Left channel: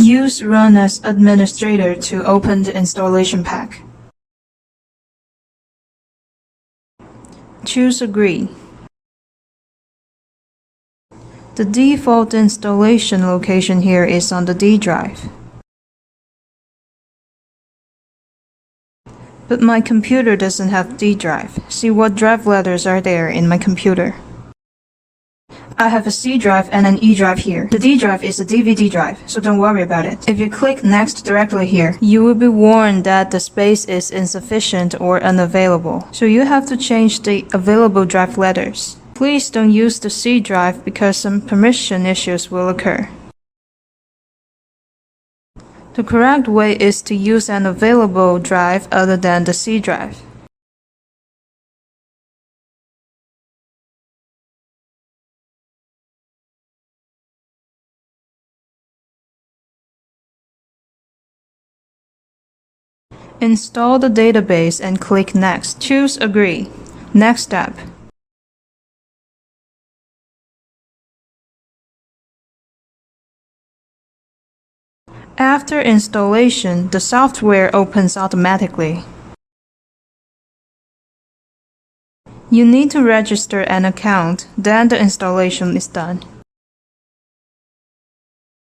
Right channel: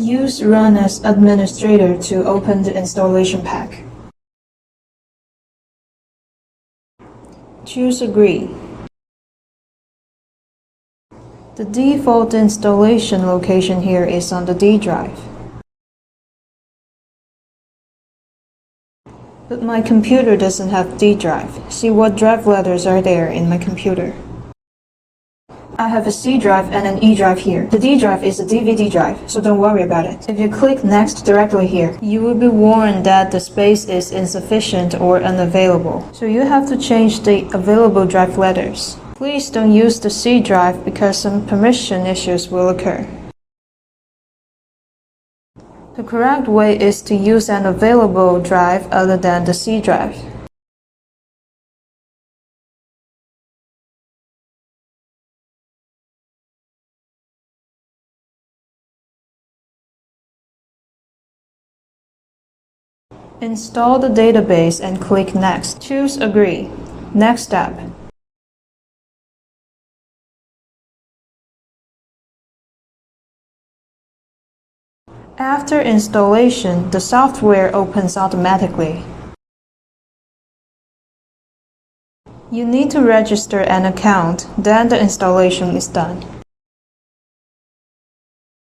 Use Run as administrator to open the installation pack. Choose Agree. The default installation location here is on the D drive. But my computer doesn't have D drive. See what drive letters are there in my computer. I have a C drive and an E drive here. The D drive is a DVD drive, so don't worry about it. If you click Next directly here, you will be warned that the space is insufficient or unavailable. So you have to change the available drive letters. Please don't use the C drive because some permission issues will occur. The correct way is to use an available drive other than the C drive. Install the database and click Next. Choose Agree. Next step. After installation, the software opens automatically. You need to register an account, then the installation is done.